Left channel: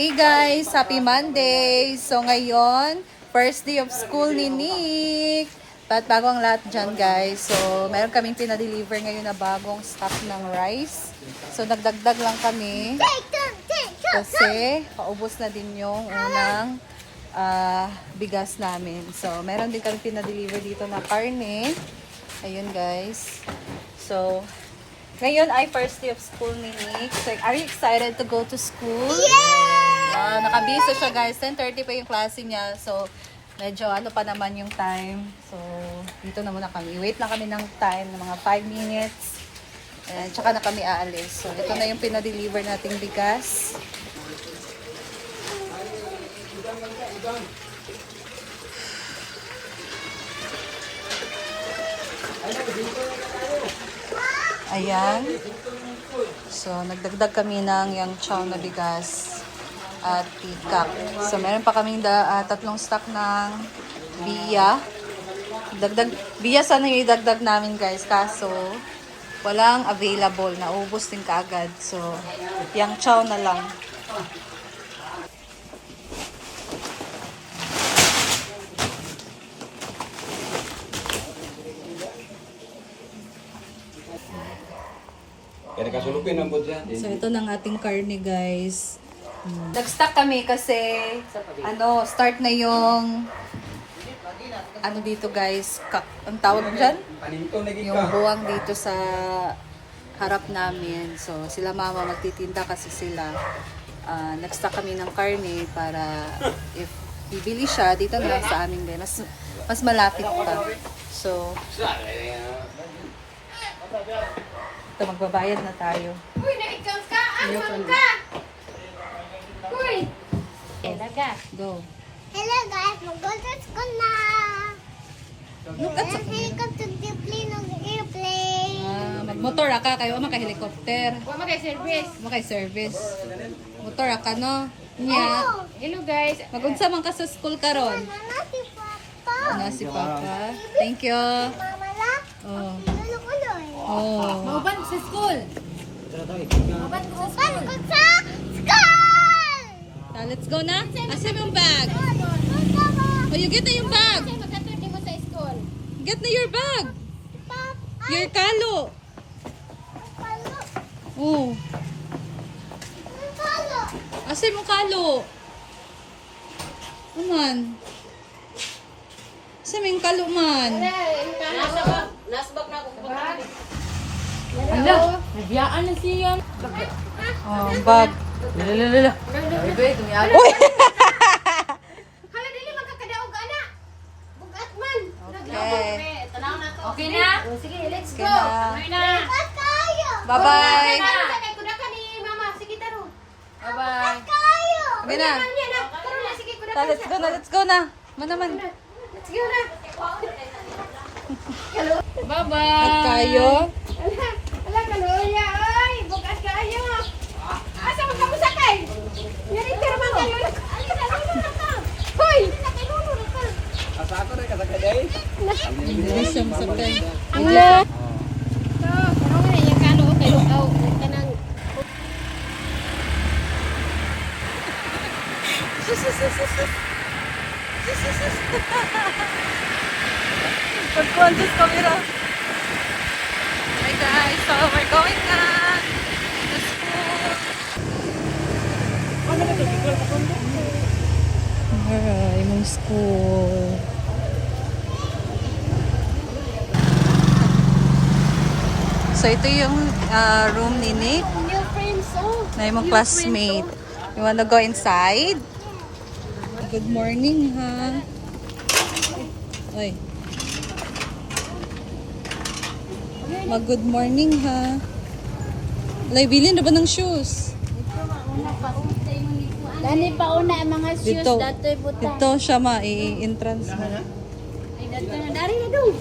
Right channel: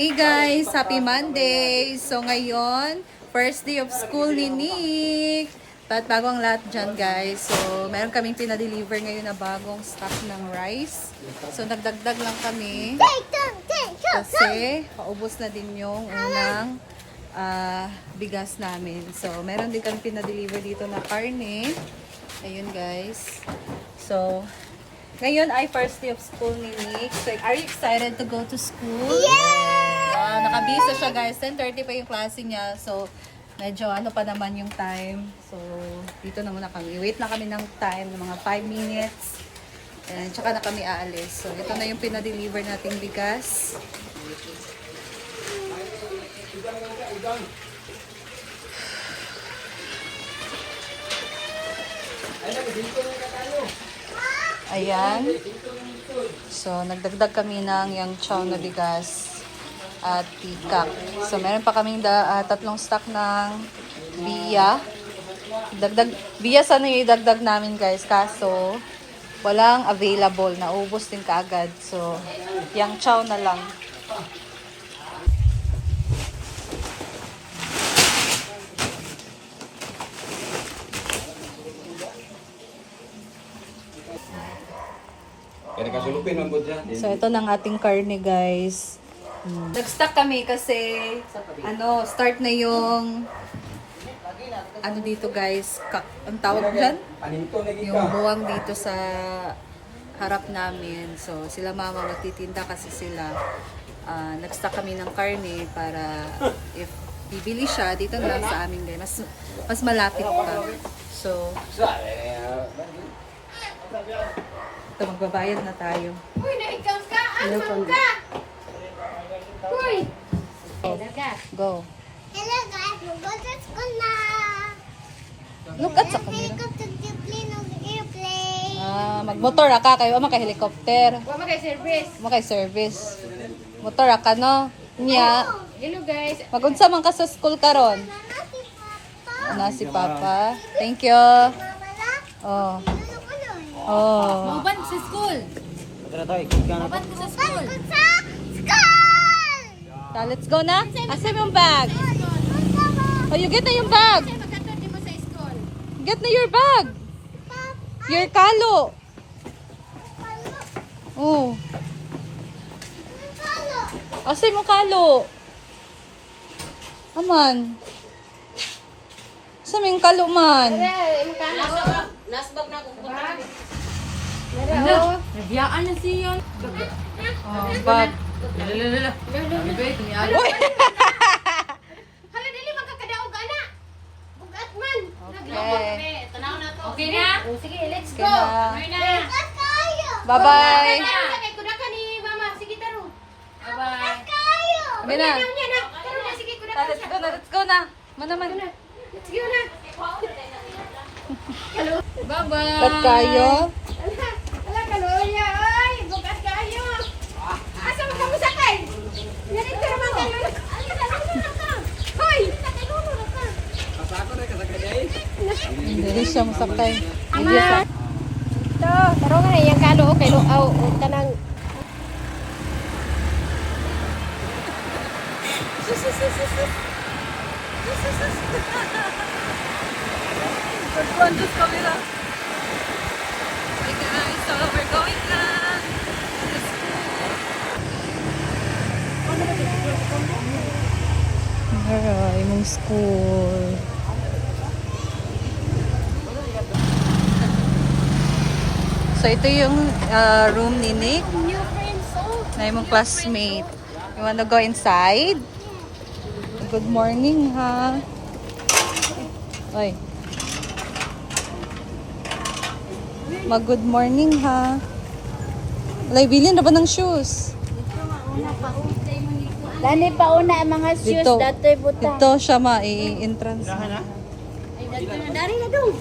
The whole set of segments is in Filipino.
Hey guys, happy Monday! So ngayon, first day of school ni Nick. At bago ang lahat dyan guys. So meron kaming pinadeliver ngayon na bagong stock ng rice. So nagdagdag lang kami. Kasi paubos na din yung unang bigas namin. So meron din kami pinadeliver dito na karne. Ayun guys. So ngayon ay first day of school ni Nick. So are you excited to go to school? Nakabisa siya guys. 10:30 pa yung klase niya. So, medyo ano pa naman yung time. So, dito na muna kami. Wait lang kami ng time, ng mga 5 minutes. And tsaka na kami aalis. So, ito na yung pinadeliver nating bigas. Ayan. So, nagdagdag kami ng yung chow na bigas at pikak. So, meron pa kaming tatlong stock ng biya. Biya sana yung idagdag namin guys. Kaso, walang available. Naubos din kaagad. So, yung chow na lang. So, ito ng ating karne guys. Nag-stock kami kasi start na yung dito guys, ang tawag dyan? Yung buwang dito sa harap namin. So sila mama magtitinda kasi sila nag-stock kami ng karne para if bibili siya dito na lang sa amin guys. Mas malapit pa. So ito, magbabayad na tayo. Go. Hello guys, mag-go to school na. Look at Helicopter plane of airplane. magmotor ka kayo maka-helicopter. Mag-service. Maka-service. Motor ka no. Nya. Hello guys. Magunsa man ka sa school karon? Nana si Papa. Ana si Papa. Thank you. Mama la. Oh. Ulo-ulo. Oh. Mauban sa school. Mauban ka sa school. Go sa school. Let's go na. Asa yung bag? Oh, you get na yung bag. Magkatulti mo sa school. Get na your bag. Your kalo. Oh. Asa yung kalo? Aman. Asa yung kalo man? Nasbag na ako. Ano? Nabiyaan na siya. Oh, bag. Uy! Hala dili magkakadaog ana. Bugat man. Okay. Tanaw na to. Okay na? Sige, let's Okay go. na. Okay na. Bugat kayo. Bye-bye. Kay kuda ka ni mama. Sige taro. Bye-bye. Kayo. Kami na. Niya na. Taro na sige kuda ka. Let's go na. Let's go na. Manaman. Let's go na. Bye-bye. Ba't kayo? Ala kaloya ay, bukas kayo. Asa mo kamo sakay? Yari pero man kayo. Hoy, nakaluno na ka. Hindi siya masakay. Ama. To, taro nga yang kalo kay luaw kanang Pag-conscious camera. Hi guys, so we're going na to school. Alright, mong school. So ito yung room ni Nick. Na yung classmate. You wanna go inside? Good morning ha. Oy. Mag-good morning ha. Alay, bilhin na ba ng shoes? Dani pa una ang mga shoes Dito. datoy buta. Dito siya ma-i-entrance na. Dari na dong.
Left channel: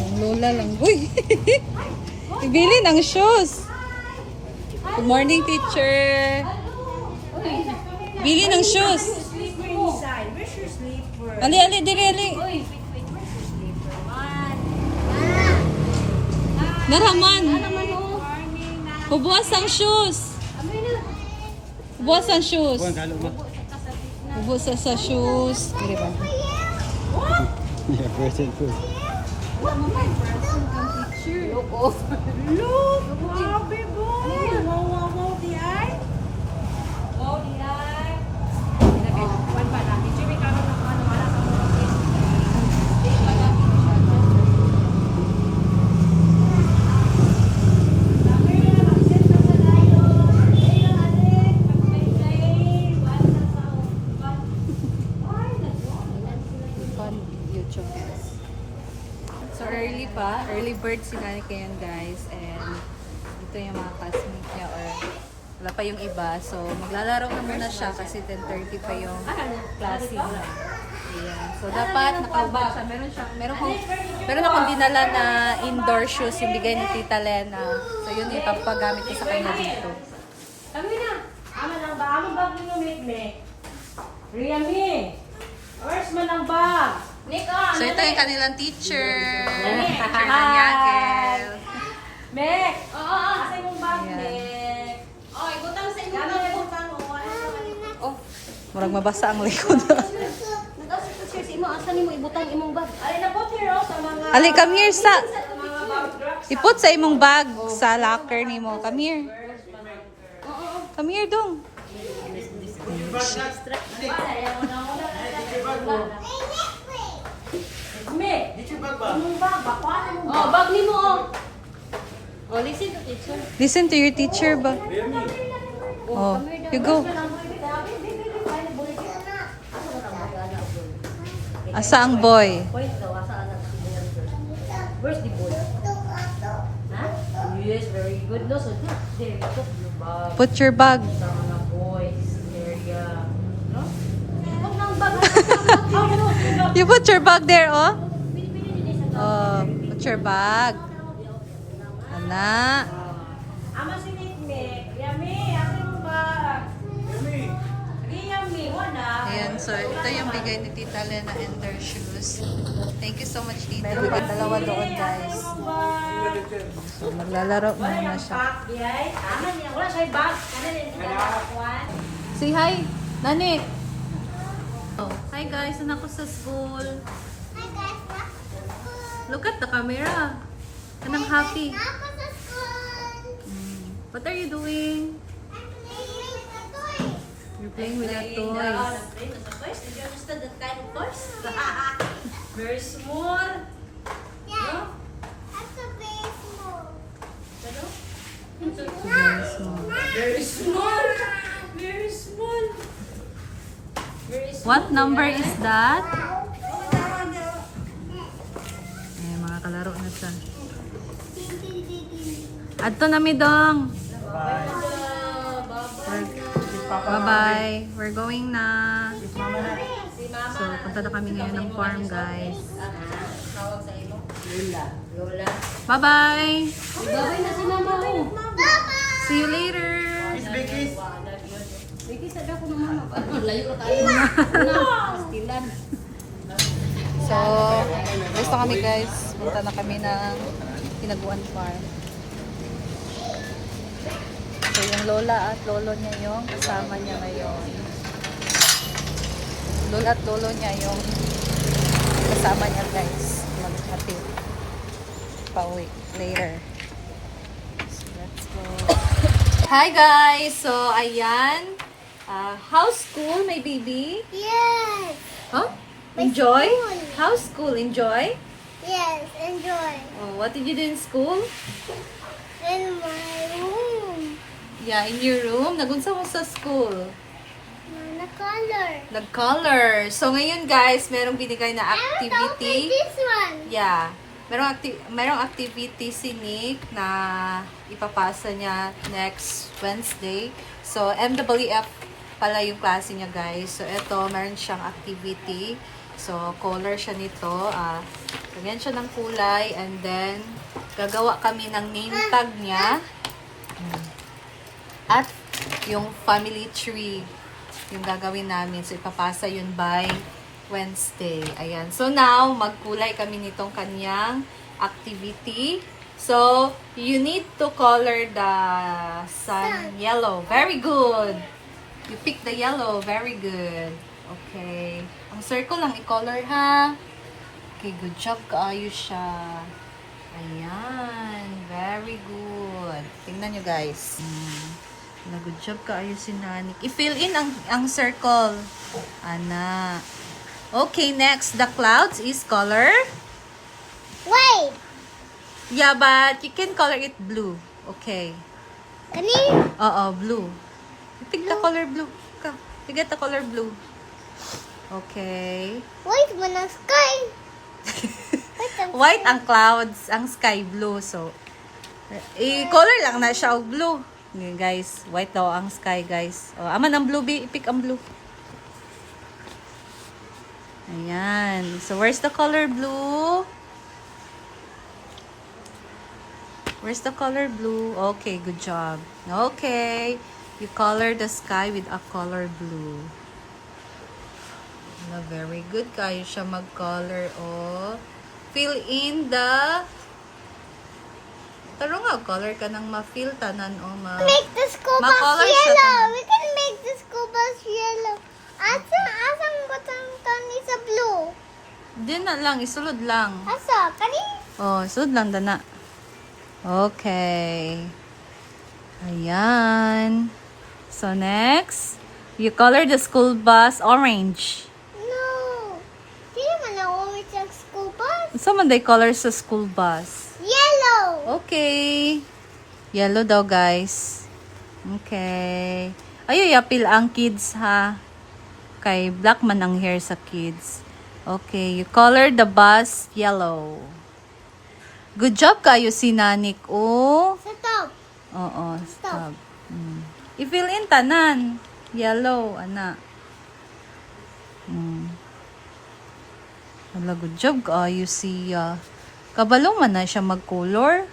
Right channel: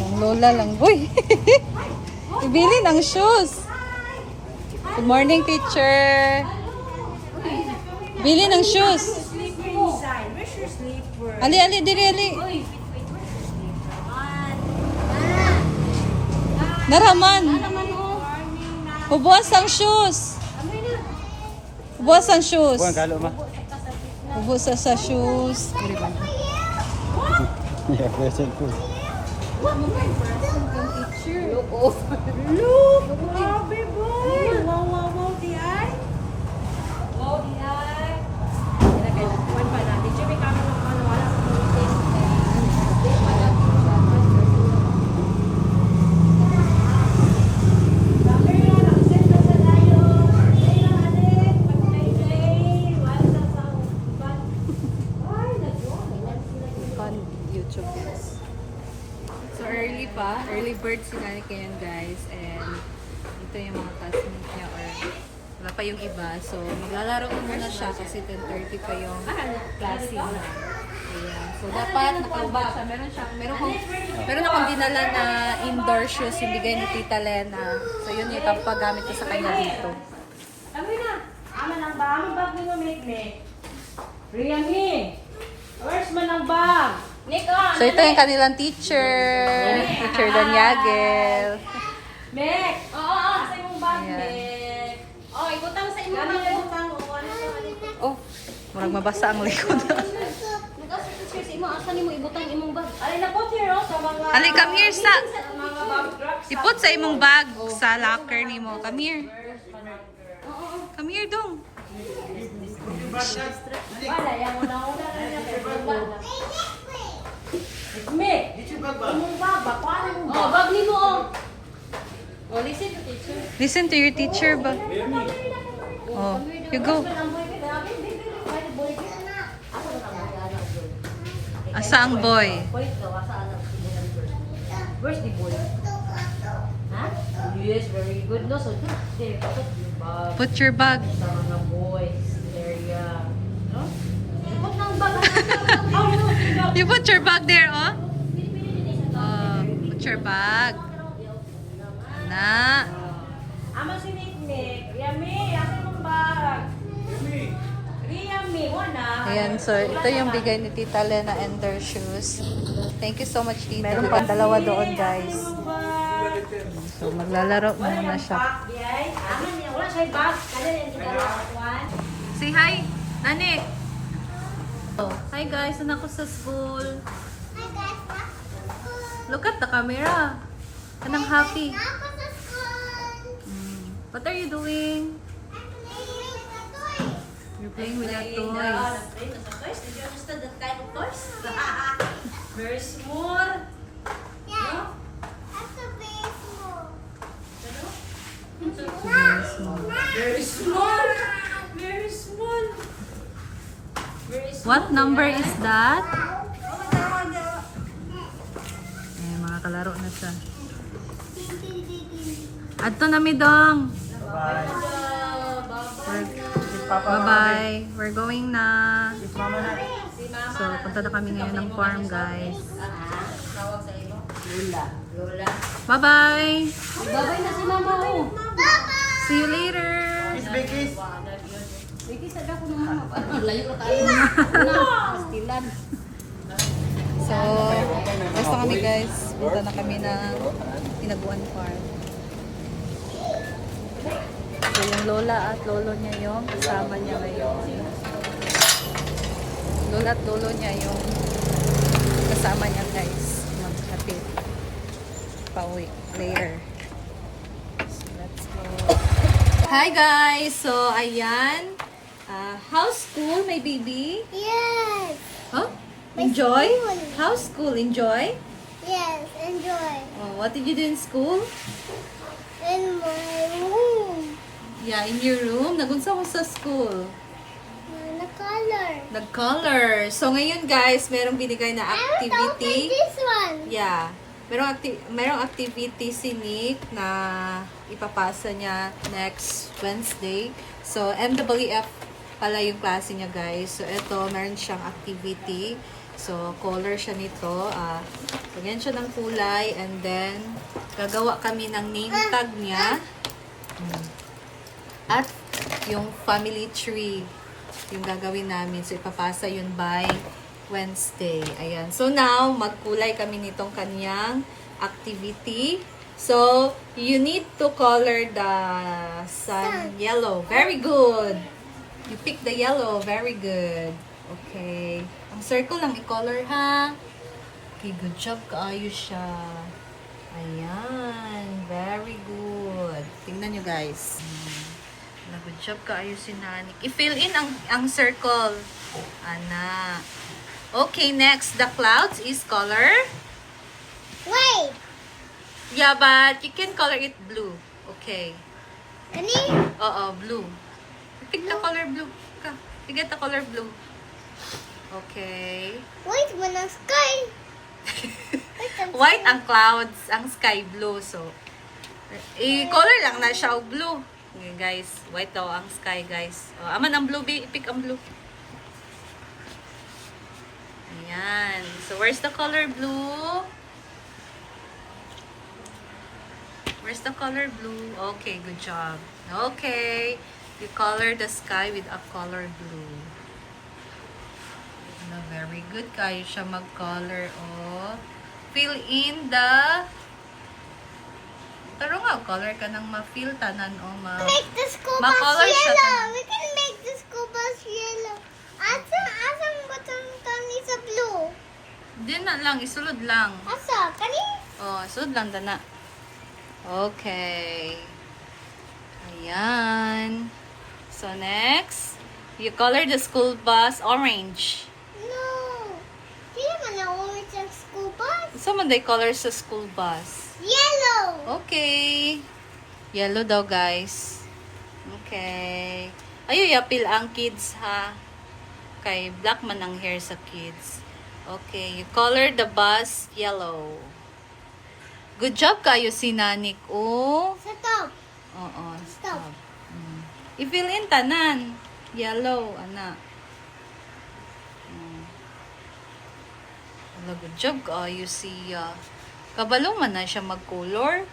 Yung lola lang. Uy! Ibili ng shoes. Good morning, teacher. Bili ng shoes. Slipper inside. Where's your slipper? Ali, ali, diri, ali. Wait. Where's your slipper? Naraman. Naman oh. Morning na. Hubuas ang shoes. Amoy na. Hubuas ang shoes. Buwan kalo ma. Hubuas sa shoes. Diri man. Yeah, present food. Look. Grabe boy. Wow, di ay. Wow, di ay. Hindi na kailangan pa natin. Jimmy, kami ng wala sa mga test. Hindi pa natin siya. Sabi nga, nakasend na sa tayo. Ayun, Adrian. Pag-play. Wala sa uban. Ay, nag-one. YouTube guys. So early pa, early bird sila ni Ken guys, and ito yung mga classmates niya or wala pa yung iba. So maglalaro na muna siya kasi 10:30 pa yung klase niya. Ayan. So dapat nakabag siya. Meron akong dinala na indoor shoes yung bigay ni Tita Lena. So yun yung ipapagamit ko sa kanya dito. Amoy na. Aman ang ba? Aman bag ni mo, Mikmek. Riyami. Where's man ang bag? Nico. So ito yung kanilang teacher. Teacher Daniagel. Mek. Oo. Sa imong bag, Ayan. Mek. Oh, ibutang sa imong bag. Oh, murag mabasa ang likod. Nag-asa teacher sa imo. Asa nimo ibutang imong bag? Ay, napot here sa mga... Ali, come here sa... mga bag racks. Iput sa imong bag sa locker nimo. Come here. Come here dong. Mek. Imong bag ba? Paano imong bag? Oh, bag nimo oh. Oh, listen to teacher. Listen to your teacher ba? Oh, you go. Asa ang boy? Where's the boy? Ha? Yes, very good. No, so good. There, put your bag. Put your bag. Sa mga boys area. No? Put ng bag. Oh, no, put your bag. You put your bag there, oh. Oh, put your bag. Ana. Ama si Nick. Yami, aking bag. Yami, wala. Ayan, so ito yung bigay ni Tita Lena and their shoes. Thank you so much, Tita. Meron pa dalawa doon, guys. So, maglalaro muna siya. Aman niya, wala siya bag. Kanan yung ikalakuan. Say hi, Nani. Oh, hi guys, anak ko sa school. Hi guys, back to school. Look at the camera. Anong happy? Ako sa school. What are you doing? I'm playing with the toys. You're playing with your toys. Playing with the toys? Did you understand that kind of toys? Very small. Yeah. That's a very small. Ano? Very small. Very small. Very small. Very small. What number is that? Eh, mga kalaro na siya. Adto na mi dong. Bye-bye. We're going na. So, punta na kami ngayon ng farm, guys. Tawag sa imo? Lola. Lola. Bye-bye. Babay na si mama mo. See you later. Sige, sada ko naman. Layo ka tayo. Pastilan. So, gusto kami guys. Punta na kami ng Tinaguan Farm. So, yung lola at lolo niya yung kasama niya ngayon. Lola at lolo niya yung kasama niya guys. Maghatid. Pauwi later. So, let's go. Hi guys! So, ayan. How's school, my baby? Yes. Huh? Enjoy? school. How's school? Enjoy? Yes, enjoy. Oh, what did you do in school? In my room. Yeah, in your room. Nagunsa mo sa school. Na color. Nag-color. So, ngayon guys, merong binigay na I will activity. this one. Yeah. Merong activity si Nick na ipapasa niya next Wednesday. So, MWF pala yung klase niya guys. So, ito, meron siyang activity. So, color siya nito. Ganyan siya ng kulay. And then, gagawa kami ng name tag niya. At yung family tree. yung gagawin namin. So, ipapasa yun by Wednesday. Ayan. So, now, magkulay kami nitong kanyang activity. So, you need to color the sun yellow. Very good. You pick the yellow. Very good. Okay. Ang circle lang i-color, ha? Okay, good job. Kaayos siya. Ayan. Very good. Tingnan nyo, guys. Good job kaayos si Nanik. I-fill in ang circle. Ana. Okay, next. The clouds is color. Wait. Yeah, but you can color it blue. Okay. Kani? Oo, blue. Pick the color blue. You get the color blue. Okay. Wait, mo ng sky. Wait, ang White ang clouds, ang sky blue. So, i-color lang na siya og blue. Okay, guys, white daw ang sky, guys. O, aman ang blue, i-pick ang blue. Ayan. So, where's the color blue? Where's the color blue? Okay, good job. Okay. You color the sky with a color blue. No, very good. Kayo siya mag-color, oh. Fill in the... Pero nga, color ka nang ma-fill tanan, oh. make the school bus Ma-color siya yellow. tanan. We can make the school bus yellow. Asang butang tani sa blue. Hindi na lang, isulod lang. Asa, kani? Oh, isulod lang dana. Okay. Ayan. So, next, you color the school bus orange. No. Di man na orange ang school bus. Saan man day color sa school bus? Yellow. Okay. Yellow daw, guys. Okay. Ay, apil ang kids, ha? Kay black man ang hair sa kids. Okay. You color the bus yellow. Good job kayo, si Nanik. Oh. Sa top. Oo. Stop. I-fill in tanan. Yellow, ana. Wala, good job kayo siya. Kabalo man na siya mag-color.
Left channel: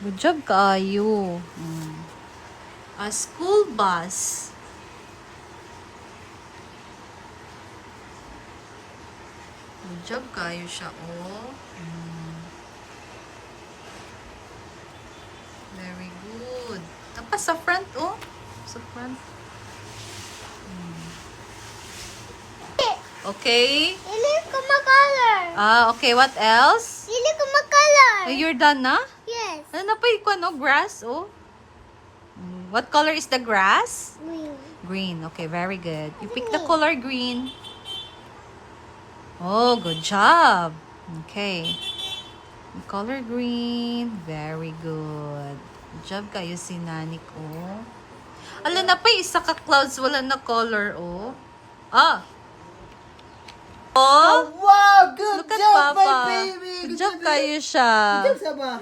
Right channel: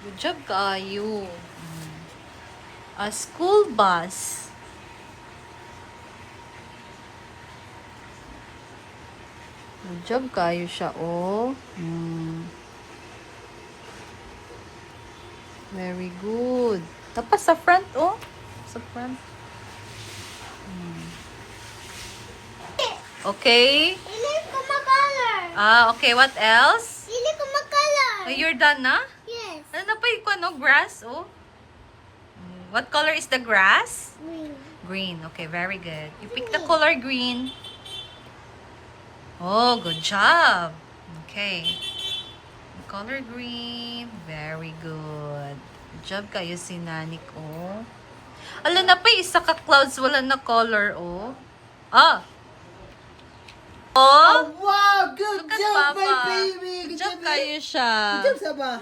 Good job kayo. A school bus. Good job kayo siya, oh. Very good. Tapos sa front, oh. Sa front. Okay. Dili ko mag-color. Okay. What else? Dili ko mag-color. Oh, you're done na? Yes. Ano na pa yung ano? Grass, oh. What color is the grass? Green. Green. Okay, very good. You pick the color green. Oh, good job. Okay. Color green. Very good. Good job kayo, si Nanik, oh. Ala na pa, isa ka clouds, wala na color, oh. Ah! Oh! Wow, good Look at job, my Papa. baby. Good job kayo siya. Good job, Saba.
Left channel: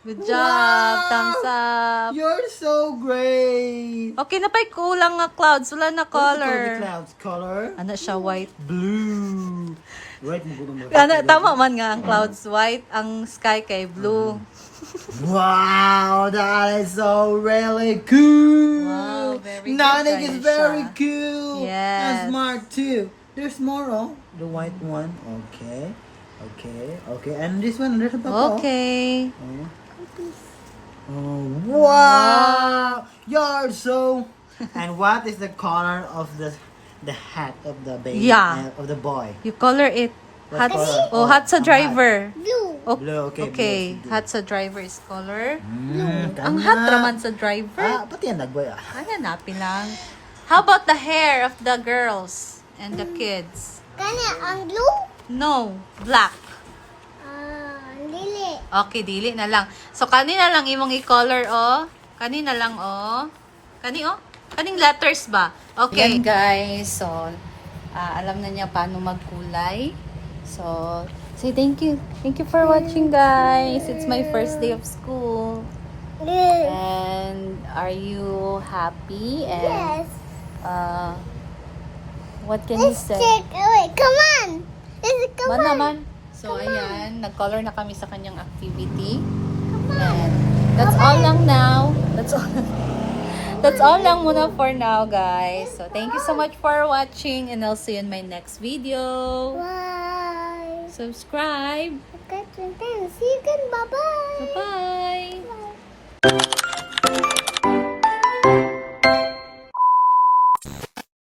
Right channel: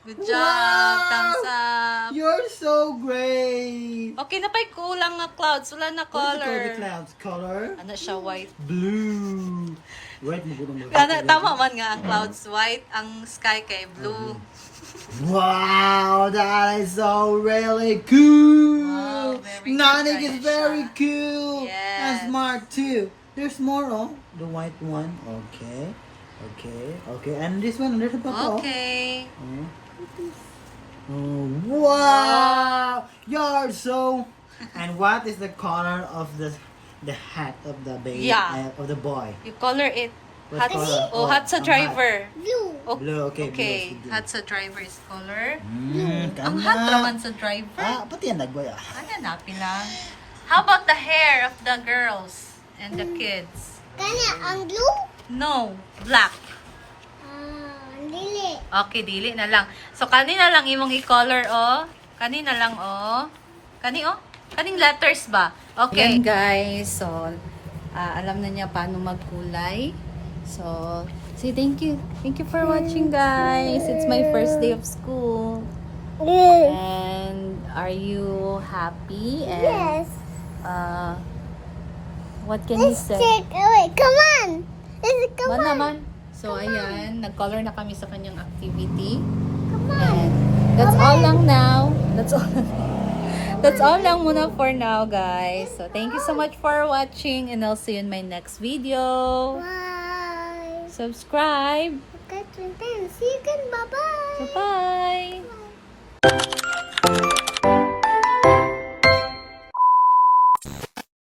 Good job. Wow. Thumbs up. You're so great. Okay na pa, kulang nga clouds. Wala na What do you call the color. clouds? Color? Ano siya, white. Blue. Right, mo gulong Ano, tama man nga ang clouds white, ang sky kay blue. Wow, that is so really cool. Wow, very good Nanik is kayo very siya. cool. Yes. And smart too. There's more, oh. The white one. Okay. Okay. Okay. And this one, there's a purple. Okay. Oh. Oh, wow! You're so. And what is the color of the hat of the baby? Yeah. Of the boy? You color it. What Hot, color? oh, hot sa ang driver. Blue. Oh, Blue, okay, blue, Okay, sige. hot sa driver is color. Tama. Ang hot naman sa driver. Ah, pati yan nagboy ah. Ay, hanapin lang. How about the hair of the girls and the kids? Kani ang blue? No, black. Dili. Okay, dili na lang. So, kanina lang imong i-color, oh. Kanina lang, oh. Kani, oh. Kaning letters ba? Okay. Yan, guys. So, alam na niya paano magkulay. So, say thank you. Thank you for watching, guys. It's my first day of school. And are you happy? And, Yes. what can you Let's say? check. Wait, come on. Come Man on. naman. So, ayan. Nag-color na kami sa kanyang activity. And that's all lang now. That's all. That's all lang muna for now, guys. So, thank you so much for watching and I'll see you in my next video. Bye. Subscribe. Okay, 20. See you again. Bye-bye. Bye-bye.